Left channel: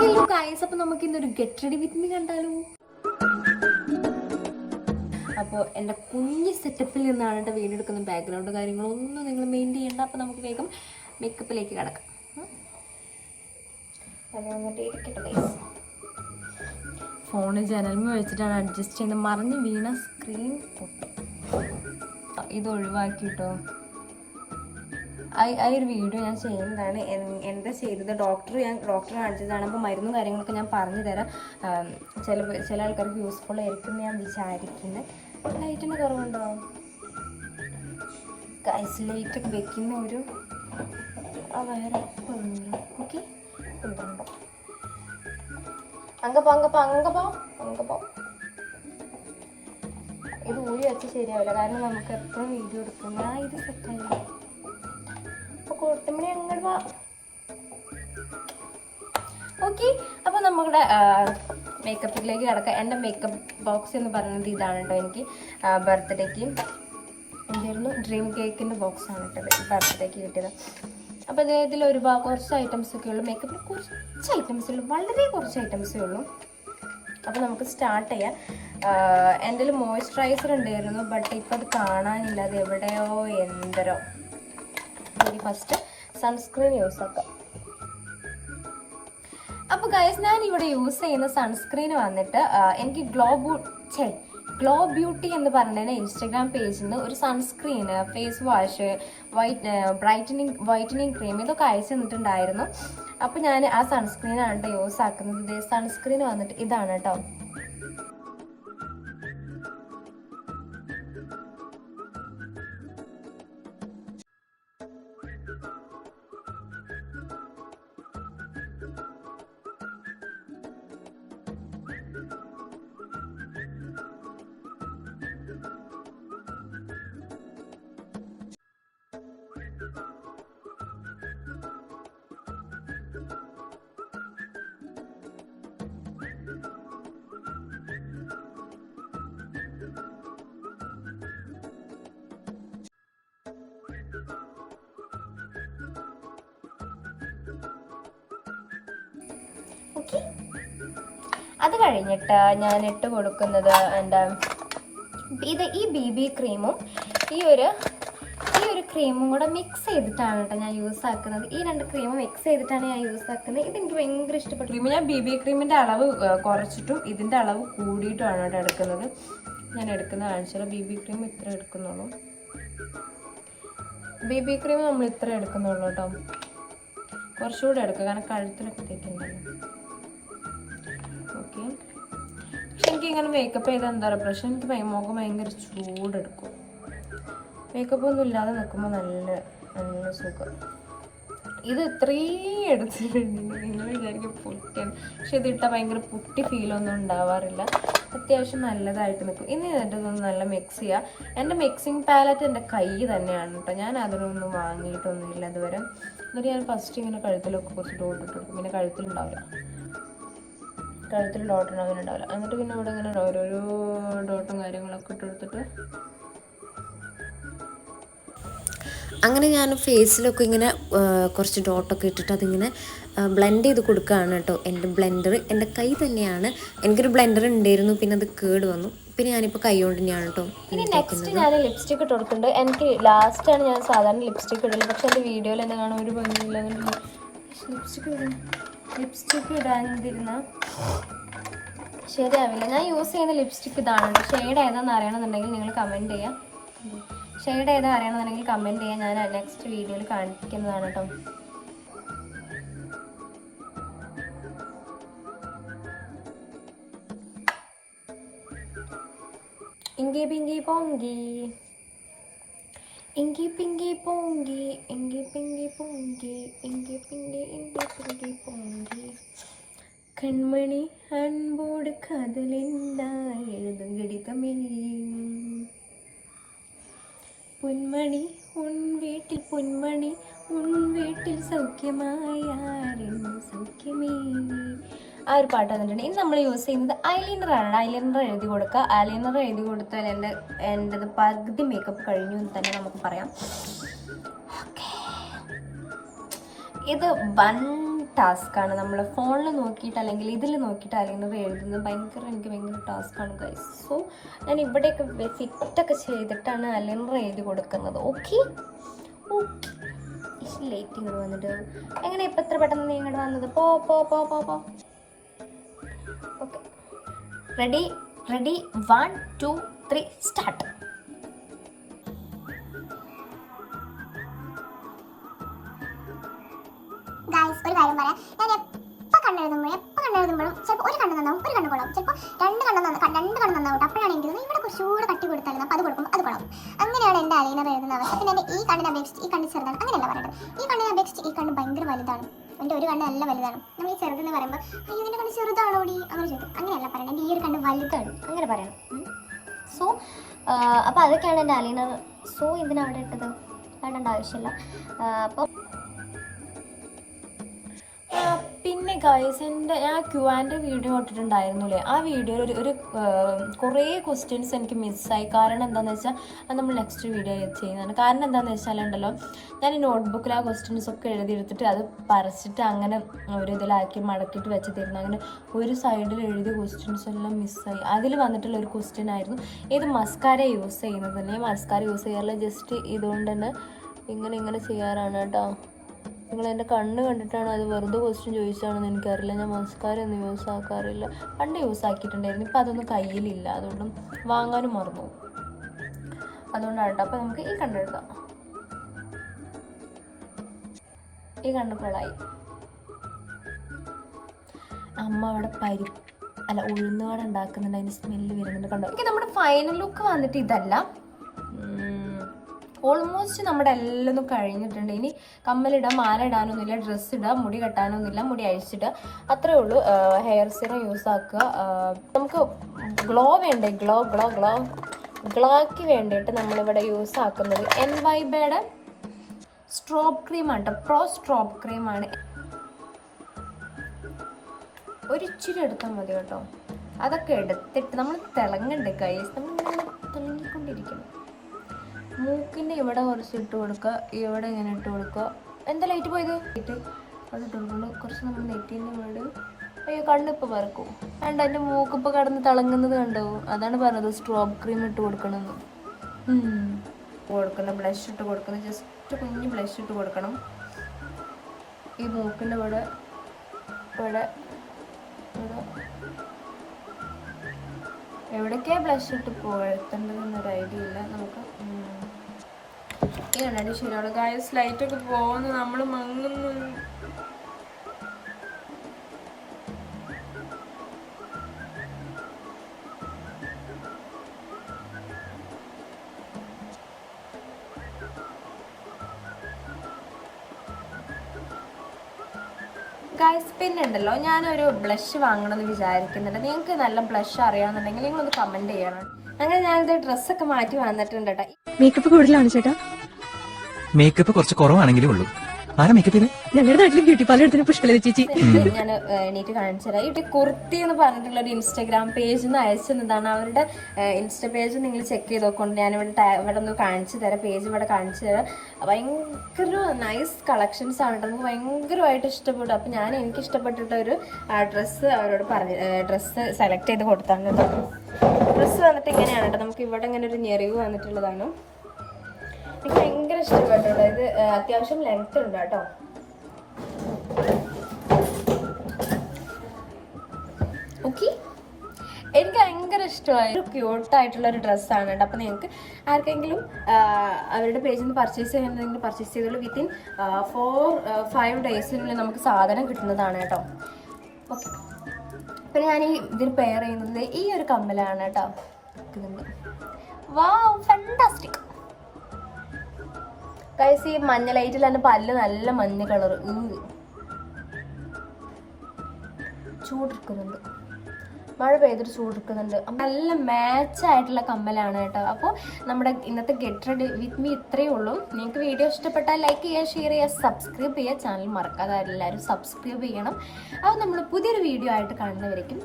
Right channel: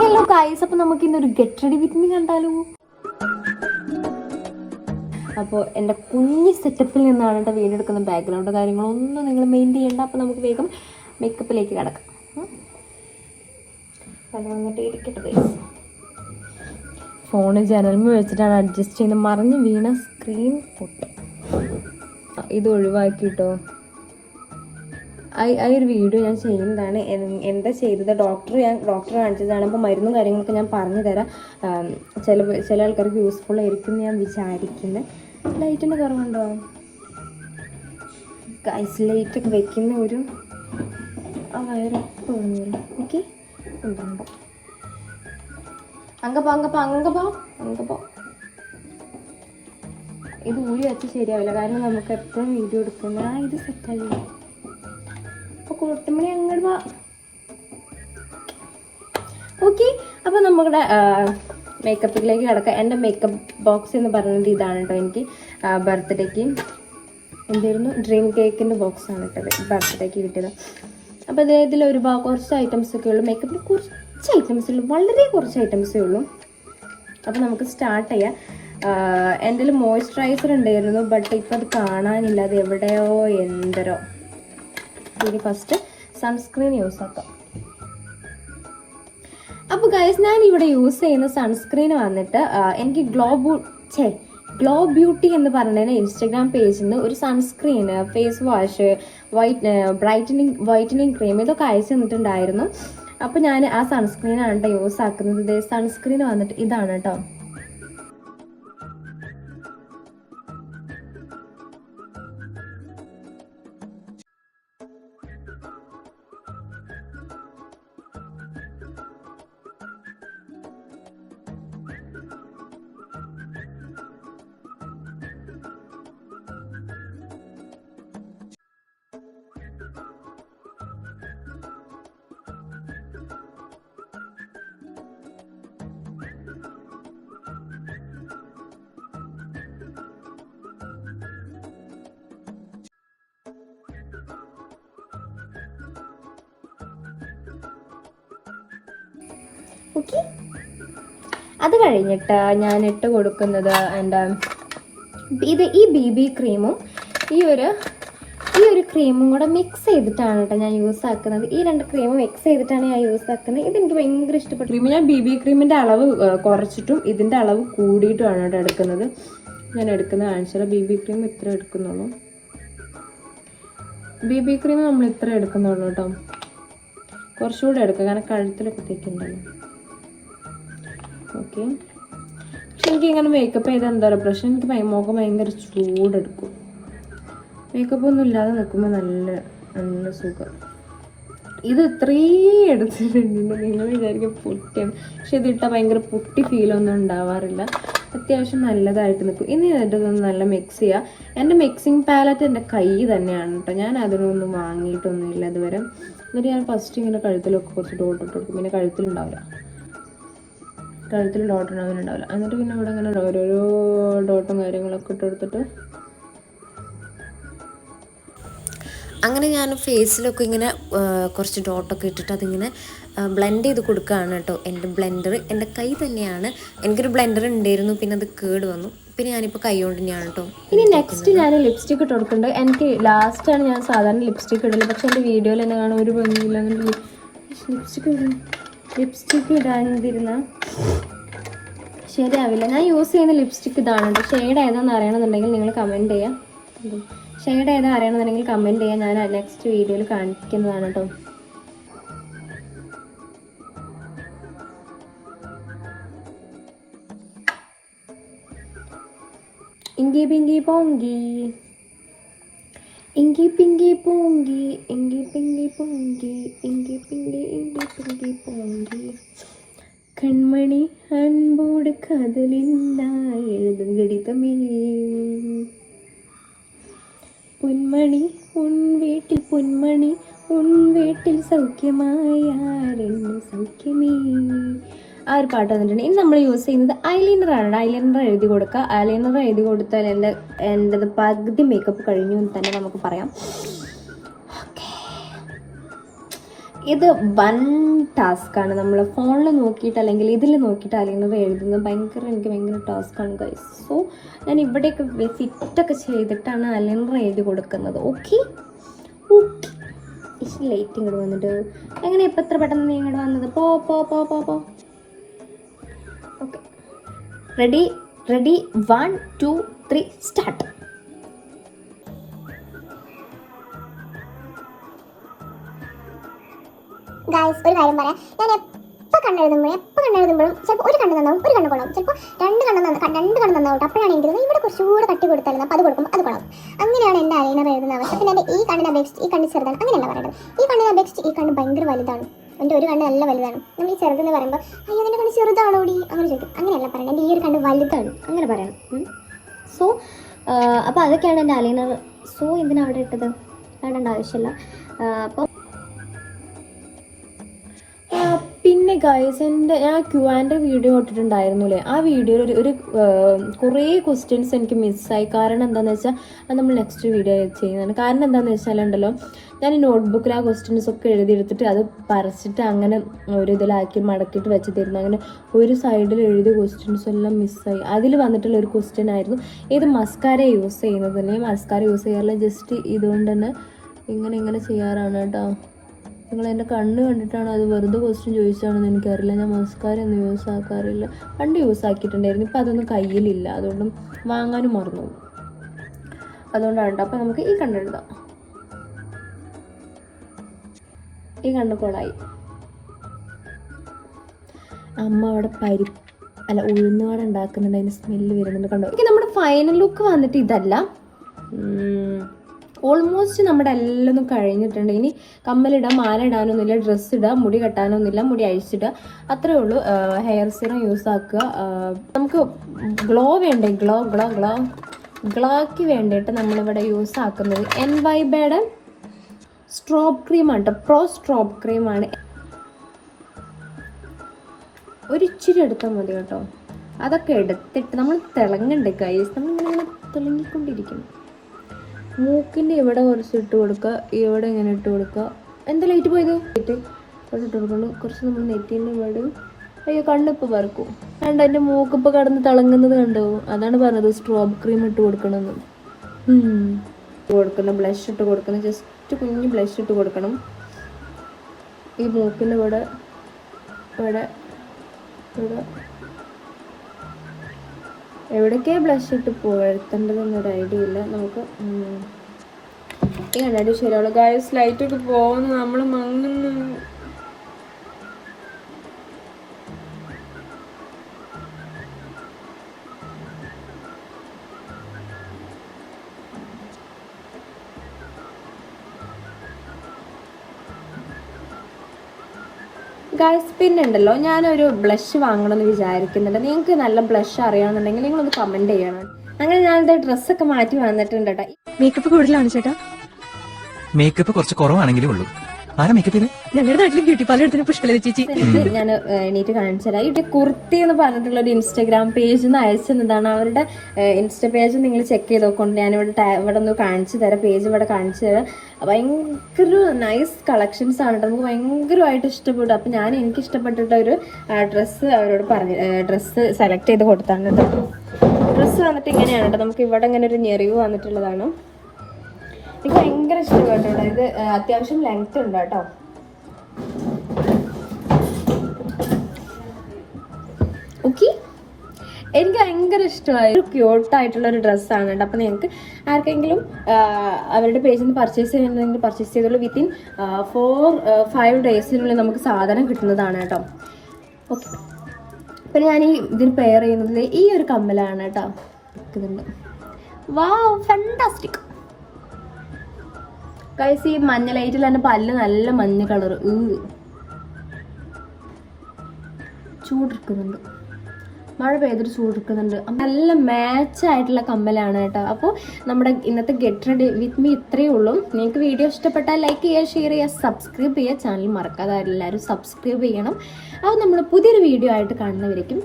Hello guys, അപ്പോൾ നമുക്ക് ഇന്നൊരു ഗെറ്റ് റെഡി വിത്ത് മീ കണ്ടാലോ? അപ്പോൾ എൻ്റെ കുഞ്ഞ് സെറ്റപ്പിൽ നിന്നാണ് കേട്ടോ വീഡിയോ എടുക്കുന്ന. ബാക്ക്ഗ്രൗണ്ട് കാര്യങ്ങളൊന്നും നിങ്ങൾ മെയിൻറ്റെയിൻ ചെയ്യേണ്ട. അപ്പോൾ നമുക്ക് വേഗം മേക്കപ്പിലേക്ക് കിടക്കാം. അത് വന്നിട്ട് ഇരിക്കട്ടെ. ഫോണ് ജനൽമ വെച്ചിട്ടാണ് അഡ്ജസ്റ്റ് ചെയ്യുന്നത്. മറിഞ്ഞ് വീണ സ്ക്രീൻ പൊട്ടും. ഇത് ഒഴിവാക്കിട്ടോ. ആ ഒരു വീഡിയോ ഞാൻ ചെയ്യുന്നതാണ്. എന്താ ചെയ്തത് ഡോക്ടറെ കാണിച്ചതാണ്. ഇപ്പോൾ മരുന്നും കാര്യങ്ങളൊക്കെ ഞാൻ പറഞ്ഞു തരാം. ചില ആൾക്കാർക്ക് യൂസ്ഫുൾ ആയിരിക്കും ഞാൻ വിചാരിക്കുന്നത്. ലൈറ്റിന് കുറവുണ്ടോ? ഗൈസ്, ലൈറ്റൊക്കെ വെക്കുന്ന ഒരു ഉപ്പ് വരും. ഓക്കെ, ഉണ്ടാകുമ്പോൾ അങ്ങപ്പോ ഇത് ഉള്ളി വെച്ച് ശരിയാവില്ല. കാരണം നമുക്ക് എപ്പോഴും വീഡിയോ എടുക്കുന്ന ഇത് സെറ്റായി. അപ്പോൾ കൂട്ടുമണി അങ്ങോട്ട് പോവാം. ഓക്കെ, അപ്പോൾ നമ്മുടെ മേക്കപ്പിലേക്ക് കിടക്കാം. എൻ്റെ മേക്കപ്പ് ബോക്സ് എന്ന് പറയുന്നത് ഇതാണ് കേട്ടോ. എനിക്ക് ബർത്ത്ഡേക്ക് എന്തായിരുന്നു ഡ്രീം കേക്കിൻ്റെ ബോക്സാണ് കേട്ടത്. ബർത്ത്ഡേക്ക് കിട്ടിയത്. അപ്പോൾ ഇതിൽ കുറച്ച് ഐറ്റംസൊക്കെ ഉള്ളൂ. മേക്കപ്പിൽ കുറച്ച് ഐറ്റംസേ ഉള്ളൂ, വളരെ കുറച്ച് ഐറ്റംസേ ഉള്ളൂ. അപ്പോൾ നമുക്ക് സ്റ്റാർട്ട് ചെയ്യാം. എൻ്റെ കയ്യിൽ മോയ്സ്ചറൈസർ ഉണ്ടായിരുന്നു, ബട്ട് ഇപ്പോൾ അത് കാണാനില്ല. അത് എവിടെയോ എന്തരോ. ഇനി ഫസ്റ്റ് സൺസ്ക്രീൻ യൂസ് ആക്കാം. അപ്പോൾ ഗൈസ്, ഞാൻ ഇവിടെ യൂസ് ചെയ്യുന്ന സൺസ്ക്രീൻ വന്നിട്ട് എനിക്ക് ഗ്ലോ ബ്യൂട്ടി എന്ന് പറയുന്നതിന് ഇൻസ്റ്റഗ്രാം പേജിൽ നിന്ന് ഒരു സൺസ്ക്രീന്, ഫേസ് വാഷ്, വൈറ്റനിങ് ക്രീം ഇതൊക്കെ അയച്ചു തന്നിട്ടുണ്ടായിരുന്നു. അപ്പോൾ ഞാൻ ആ സൺസ്ക്രീനാണ് കേട്ടോ യൂസ് ആക്കുന്നത്. സൺസ്ക്രീൻ വന്നിട്ട് ഇതാണ് കേട്ടോ. ഓക്കെ, അത് കഴിഞ്ഞിട്ട് ഞാൻ ഇട്ട് കൊടുക്കുന്നത് ഈ BB ക്രീമും ഈ ഒരു ക്രീമും കൂടെ മിക്സ് ചെയ്തിട്ടാണ് കേട്ടോ ഞാൻ യൂസ് ആക്കുന്നത്. ഈ രണ്ട് ക്രീമും മിക്സ് ചെയ്തിട്ടാണ് ഞാൻ യൂസ് ആക്കുന്നത്. ഇതെനിക്ക് ഭയങ്കര ഇഷ്ടപ്പെട്ടു. ക്രീം ഞാൻ BB ക്രീമിൻ്റെ അളവ് കുറച്ചിട്ടും ഇതിൻ്റെ അളവ് കൂടിയിട്ടുമാണ് കേട്ടോ എടുക്കുന്നത്. ഞാൻ എടുക്കുന്നത് കാണിച്ചാൽ BB ക്രീം ഇത്ര എടുക്കുന്നുള്ളൂ. BB ക്രീം നമ്മൾ ഇത്ര എടുക്കുന്നുള്ളൂ കേട്ടോ. കുറച്ചുകൂടെ എടുക്കുക, കാരണം കഴുത്തിലൊക്കെ തേക്കുന്നുണ്ടല്ലോ. ഓക്കെ, പക്ഷെ എനിക്കിങ്ങനെ മേക്കപ്പ് ചെയ്താൽ എന്താ പറയുക പ്രശ്നം, എനിക്ക് മുഖം ഭയങ്കര ചൂടെടുക്കും. മേക്കപ്പ് ഒന്നും ഇല്ലാതെ നിൽക്കുമ്പോൾ നല്ല സുഖം. ഇത് ഇത്രയും എടുത്തിട്ടുണ്ട്. നിങ്ങൾ വിചാരിക്കും പൊട്ടിയാണ്, പക്ഷെ ഇതിട്ടാൽ ഭയങ്കര പൊട്ടി ഫീലൊന്നും ഉണ്ടാവാറില്ല. അത്യാവശ്യം നല്ലതായിട്ട് നിൽക്കും. ഇനി ഇതൊന്ന് നല്ല മിക്സ് ചെയ്യുക. എൻ്റെ മിക്സിങ് പാലറ്റ് എൻ്റെ കൈ തന്നെയാണ് കേട്ടോ. ഞാൻ അതിനൊന്നും വാങ്ങിയിട്ടൊന്നുമില്ല ഇതുവരെ. എന്നിട്ട് ഞാൻ ഫസ്റ്റ് ഇങ്ങനെ കഴുത്തിലൊക്കെ കുറച്ച് ഡോട്ട് ഇട്ട് കൊടുക്കും. പിന്നെ കഴുത്തിൽ ഡോട്ടൊന്നും അങ്ങനെ ഉണ്ടാവില്ല. എന്നിട്ട് പിന്നെ അവിടെ ഇങ്ങനെ ഓരോരോ ഡോട്ടും കാര്യങ്ങളൊക്കെ ഇട്ട് കൊടുത്തിട്ട് അങ്ങനെ ഞാൻ ഫേസിലൊക്കെ ഇങ്ങനെ കുറച്ച് ഡോട്ടൊക്കെ ഇട്ടിട്ട് അതിങ്ങനെ ബ്ലെൻഡ് ചെയ്ത് കൊടുക്കുകയാണ് കേട്ടോ. എൻ്റെ ബ്ലെൻഡർ എൻ്റെ കൈ തന്നെയാണ്. എനിക്കൊരു ബ്ലെൻഡർ ഉണ്ടായിരുന്നു, പിന്നെ അത് കേട് വന്നു. പിന്നെ ഞാനിപ്പോൾ കൈ കൊണ്ട് തന്നെയാണ് കേട്ടോ. ഇനി നെക്സ്റ്റ് ഞാൻ ലിപ്സ്റ്റിക് ഇട്ട് കൊടുക്കുന്നുണ്ട്. എനിക്ക് ലാസ്റ്റാണ് ഞാൻ സാധാരണ ലിപ്സ്റ്റിക് ഇടുന്നത്. പക്ഷേ എൻ്റെ വീഡിയോയിൽ എന്നെ കാണാൻ ഒരു ഭംഗിയില്ല. അങ്ങനെ ലിപ്സ്റ്റിക് ഇടാനിരുന്ന ശരിയാവില്ല. ഞാൻ യൂസ് ചെയ്യുന്ന ലിപ്സ്റ്റിക് ഇതാണ് കേട്ടോ. ഷെയ്ഡ് ഏതാണെന്ന് അറിയണമെന്നുണ്ടെങ്കിൽ നിങ്ങൾ കമൻറ്റ് ചെയ്യാം. ഷെയ്ഡ് ഏതാ അറിയണമെന്നുണ്ടെങ്കിൽ കമൻറ്റ് ചെയ്യാം. ഞാൻ നെക്സ്റ്റ് വീഡിയോയിൽ കാണിക്കുന്നതാണ് കേട്ടോ. ഇങ്കി പിങ്കി പോങ്കി, ഇങ്കി പിങ്കി പോങ്കി, ഇങ്കി പിങ്കി പോങ്കി, ഇങ്കി പിങ്കി പോങ്കി. കൺമണി അൻപോട് കാതലില്ല എഴുതും ഗടിതമേ. പൊന്മണി ഉൻ വീട്ടിൽ സൗഖ്യമായാരെന്ന് സൗഖ്യമേ. ആ ഒരു പാട്ട് വന്നിട്ടുണ്ട്. ഇനി നമ്മൾ യൂസ് ചെയ്യുന്നത് ഐലൈനറാണ്. ഐലൈനർ എഴുതി കൊടുക്കുക. ഐലൈനർ എഴുതി കൊടുത്താൽ എൻ്റെത് പകുതി മേക്കപ്പ് കഴിഞ്ഞു എന്ന് തന്നെ നമുക്ക് പറയാം. ഇത് വൺ ടാസ്ക്കാണ്. നമ്മൾ ഫോണിൽ നോക്കിയിട്ട് അല്ലെങ്കിൽ ഇതിൽ നോക്കിയിട്ട് ഐലൈനർ എഴുതുന്നത് എനിക്ക് ഭയങ്കര ടാസ്ക്കാണ് ഗൈസ്. സോ ഞാൻ ഇവിടെയൊക്കെ ഫിറ്റൊക്കെ ചെയ്തിട്ടാണ് ഐലൈനർ എഴുതി കൊടുക്കുന്നത്. ഓക്കെ ലേറ്റ് ഇങ്ങോട്ട് വന്നിട്ട് എങ്ങനെ ഇപ്പം എത്ര പെട്ടെന്ന് നീ ഇങ്ങോട്ട് വന്നത്? പോ പോ പോ പോ പോ ഓക്കെ റെഡി 1 2 3 സ്റ്റാർട്ട്. ഗായ്സ് ഒരു കാര്യം പറയാം, ഞാൻ എപ്പോൾ കണ്ണെഴുതുമ്പോഴും ചിലപ്പോൾ ഒരു കണ്ണ് നന്നാവും, ഒരു കണ്ണ് കൊള്ളാം, ചിലപ്പോൾ രണ്ട് കണ്ണ് നന്നാവും. അപ്പോഴാണ് എനിക്ക് ഇവിടെ കുറച്ചുകൂടെ കട്ടി കൊടുത്തായിരുന്നു, അപ്പോൾ അത് കൊടുക്കും, അത് കൊള്ളാം. അങ്ങനെയാണ് എൻ്റെ ഐലൈനർ എഴുതുന്ന അവസ്ഥ. പിന്നെ എൻ്റെ ഈ കണ്ണിനെ അപേക്ഷിച്ച് ഈ കണ്ണ് ചെറുതാണ്, അങ്ങനെയല്ല പറയുന്നത്. ഈ കണ്ണിനെ അപേക്ഷിച്ച് ഈ കണ്ണ് ഭയങ്കര വലുതാണ്. എൻ്റെ ഒരു കണ്ണ് നല്ല വലുതാണ്. നമ്മൾ ഈ ചെറുതെന്ന് പറയുമ്പോൾ അയ്യോ എൻ്റെ കണ്ണ് ചെറുതാണോടി അങ്ങനെ ചോദിക്കും. അങ്ങനെയല്ല പറയുന്നത്, എൻ്റെ ഈ ഒരു കണ്ണ് വലുതാണ് അങ്ങനെ പറയണം. സോ അപ്പോൾ അതൊക്കെയാണ് എൻ്റെ ഐലൈനർ. സോ എന്തിനാണ് അവിടെ ഇട്ടത്? വേണ്ട ആവശ്യമില്ല. അപ്പോൾ പിന്നെ ഗൈസ് ഞാൻ Q&A വീഡിയോ ഇട്ടിട്ടുണ്ടായിരുന്നില്ലേ, ആ വീഡിയോയിൽ ഒരു കുറേ ക്വസ്റ്റ്യൻസ് എനിക്ക് മിസ്സായി. കാരണം എന്താണെന്ന് വെച്ചാൽ അത് നമ്മൾ നെക്സ്റ്റ് വീഡിയോ ചെയ്യുന്നതാണ്. കാരണം എന്താണെന്ന് വെച്ചാലുണ്ടല്ലോ, ഞാൻ ഈ നോട്ട്ബുക്കിൽ ആ ക്വസ്റ്റ്യൻസ് ഒക്കെ എഴുതിയെടുത്തിട്ട് അത് പറിച്ചിട്ട് അങ്ങനെ ഒരു ഇതിലാക്കി മടക്കിയിട്ട് വെച്ച് തരുന്നു. അങ്ങനെ ഒരു സൈഡിൽ എഴുതിയ ക്വസ്റ്റ്യൻസ് എല്ലാം മിസ്സായി. അതിൽ വന്നിട്ടുള്ള ഒരു ക്വസ്റ്റ്യൻ ആയിരുന്നു, ഏത് മസ്കാര യൂസ് ചെയ്യുന്നത് തന്നെ. മസ്കാര യൂസ് ചെയ്യാറില്ല, ജസ്റ്റ് ഇതുകൊണ്ട് തന്നെ ഇങ്ങനെ ചെയ്യാറാണ് കേട്ടോ. നിങ്ങൾ എൻ്റെ കണ്ണ് കണ്ടിട്ടാണ് അത് വെറുതെ ക്വസ്റ്റ്യൻ ചോദിച്ചാണെന്ന് എനിക്കറിയില്ല. ഞാൻ മസ്കാര ഒന്നും യൂസ് ആക്കാറില്ല. പണ്ട് യൂസ് ആക്കിയിട്ടുണ്ടായിരുന്നു, ഇപ്പം അതൊന്നും കയ്യിലില്ല, അതുകൊണ്ടും വാങ്ങാനും മറന്നു. അതുകൊണ്ടാണ് കേട്ടോ. അപ്പം നമുക്ക് ഈ കണ്ണെഴുതാം. ഈ കണ്ണ് കൊളായി. അമ്മ അവിടെ ഉഴുന്നുവട ഉണ്ടാക്കുന്നുണ്ട്, അതിന് സ്മെല്ല് വരുന്നുണ്ട് കണ്ടോ. എനിക്ക് നമ്മുടെ ഫൈനൽ ലുക്ക് വന്നിട്ട് ഇതല്ല. ഓൾമോസ്റ്റ് നമ്മുടെ എല്ലാം കഴിഞ്ഞിട്ടുണ്ട്. ഇനി കമ്മലിടാം, മാല ഇടാനൊന്നുമില്ല, ഡ്രസ്സ് ഇടാം, മുടി കെട്ടാനൊന്നുമില്ല, മുടി അഴിച്ചിടുക, അത്രേ ഉള്ളൂ. ഹെയർ സീറം യൂസ് ആക്കുക. നമുക്ക് ഗ്ലോ വേണ്ടേ, ഗ്ലോയ്ക്ക് വേണ്ടിയിട്ട് നമ്മളിവിടെ യൂസ് ആക്കുന്നത് NYBയുടെ സ്ട്രോബ് ക്രീമാണ് കേട്ടോ. പ്രോ സ്ട്രോബ് ക്രീമാണ്. ഒരിച്ചിരി എടുത്താൽ മതി കേട്ടോ. അതൊക്കെ എടുത്തിട്ട് നമ്മൾ തിളങ്ങണ്ടേ ഗൈസ്, നമ്മളിങ്ങനെ തിളങ്ങിക്കൊണ്ടിരിക്കണം. മൂക്കിൻ്റെ ഇവിടെ കുറച്ച് ഇട്ട് കൊടുക്കുക, ഇവിടെ ഇങ്ങനെ ഇട്ട് കൊടുക്കുക. എന്താ ലൈറ്റ് പോയത്? ലൈറ്റ് ഇവിടെ ഇട്ട് കൊടുക്കണം. കുറച്ച് നമ്മൾ നെറ്റിൻ്റെ ഇവിടെ. അയ്യോ കണ്ണിപ്പോൾ പറക്കും. കണ്ടോ എൻ്റെ മൂക്കിപ്പോൾ കിടന്ന് തിളങ്ങുന്നത് കണ്ടോ? അതാണ് പറഞ്ഞത് സ്ട്രോബ് ക്രീം ഇട്ട് കൊടുക്കണമെന്ന്. ബ്ലഷ് ഇട്ട് കൊടുക്കണം, ജസ്റ്റ് കുഞ്ഞ് ബ്ലഷ് ഇട്ട് കൊടുക്കണം. ഈ മൂക്കിൻ്റെ ഇവിടെ എവിടേക്കാണ് ബ്ലഷ് ഇട്ട് പുകഴ്ത്തേണ്ടതെന്നൊരു ഐഡിയ ഇല്ല നമുക്ക്. ഈ കണ്ണാടി ശരിയാവുള്ളൂ ഗായ്സ്. ലൈറ്റൊക്കെ പോകുന്നു, നമ്മൾ മങ്ങുന്നു. ഗൈസ് പിന്നെ ഉണ്ടല്ലോ, ഞാനൊരു ബ്ലഷ് വാങ്ങണമെന്ന് വിചാരിക്കുന്നുണ്ട്. നിങ്ങൾക്ക് നല്ല ബ്ലഷ് അറിയാമെന്നുണ്ടെങ്കിൽ നിങ്ങളൊന്ന് കമൻറ്റ് ചെയ്യണം. അങ്ങനെ ഞാനിത് ഡ്രസ്സൊക്കെ മാറ്റി വന്നിട്ടുണ്ട് കേട്ടോ. മേക്കപ്പ് കൂടുതലാണ് ചേട്ടാ? മേക്കപ്പ് കുറച്ച് കുറവാണെങ്കിലേ ഉള്ളൂ. ആരാ മേക്കപ്പ് ചെയ്ത്? ഞങ്ങളുടെ നാട്ടിൽ ബ്യൂട്ടി പാർലർ പുഷ്പലത ചേച്ചി. ഞാൻ എണീറ്റ് കാണിച്ചു തരാം. ഇവിടെ കുർത്തി എന്ന് പറഞ്ഞിട്ടുള്ള ഒരു ഇൻസ്റ്റാഗ്രാം പേജിൽ നിന്ന് അയച്ചതാണ്. അവരുടെ ഇൻസ്റ്റ പേജ് നിങ്ങൾ ചെക്ക് ചെയ്ത് നോക്കൊണ്ട് ഇവിടെ ഒന്ന് കാണിച്ചു തരാം. പേജ് ഇവിടെ കാണിച്ചു തരാം. ഭയങ്കര നൈസ് കളക്ഷൻസ് ആണ് കേട്ടോ. നമുക്ക് ഭയങ്കരമായിട്ട് ഇഷ്ടപ്പെടും. അപ്പം എനിക്ക് ഇഷ്ടപ്പെട്ടിട്ട ഒരു ഡ്രസ്സ് അവരോട് ഡ്രസ്സ് സെലക്ട് ചെയ്ത് കൊടുത്താണ് കേട്ടോ. ഡ്രസ്സ് വന്നിട്ട് ഇങ്ങനെയാണ് കേട്ടോ. നമുക്ക് ഇവിടെ ഇങ്ങനെ ഒരു ഞെറിവ് വന്നിട്ടുള്ളതാണ്. എനിക്ക് ഭയങ്കര ഇഷ്ടപ്പെട്ടിട്ടോ. ഇത് അത്യാവശ്യം ലെങ്ത് ഉണ്ട് കേട്ടോ. ഓക്കെ, എനിക്ക് ഭയങ്കര ഇഷ്ടമായി. ഒരു ക്യൂട്ടായിട്ടുള്ളൊരു ഡ്രസ്സാണ് കേട്ടോ. അപ്പം നിങ്ങൾക്ക് ആർക്കെങ്കിലും അവരുടെ പേജിൽ നിന്ന് പർച്ചേസ് ചെയ്യുന്നുണ്ടെങ്കിൽ പർച്ചേസ് ചെയ്തോളൂ. വിത്തിൻ 4-5 ഡേയ്സിനുള്ളിൽ നമുക്ക് സാധനം കിട്ടുന്നതാണ് കേട്ടോ. ഓക്കെ, പിന്നെ ഞാൻ ഇതിന് പെയർ ചെയ്യുന്നത് ഈ ഒരു കമ്മലാണ് കേട്ടോ. വാവ്, ഫാന്റാസ്റ്റിക് ഗൈസ്. ഈ മഞ്ഞ ലൈറ്റിൽ തന്നെ പല്ല് നല്ല മഞ്ഞ കളർ. ചൂടെടുക്കുന്നുണ്ട്, മഴ പെയ്തിട്ട് ചൂടെടുക്കുന്നുണ്ട്. നല്ല മാച്ച് ആയിട്ടുള്ള കമ്മലാണ് കേട്ടോ. അപ്പോൾ നമ്മുടെ ഇന്നത്തെ ഗെറ്റ് റെഡി വിത്ത് മീ ഇത്രയേ ഉള്ളൂ. നിങ്ങൾക്ക് വീഡിയോ ഇഷ്ടപ്പെട്ടാൽ ലൈക്ക് ചെയ്യുക, ഷെയർ ചെയ്യുക, സബ്സ്ക്രൈബ് ചെയ്യുക. ചാനൽ മറക്കാതെ എല്ലാവരും സബ്സ്ക്രൈബ് ചെയ്യണം. അപ്പോൾ നമ്മൾ പുതിയൊരു വീഡിയോ ആയിട്ട് കാണുന്നവരേക്കും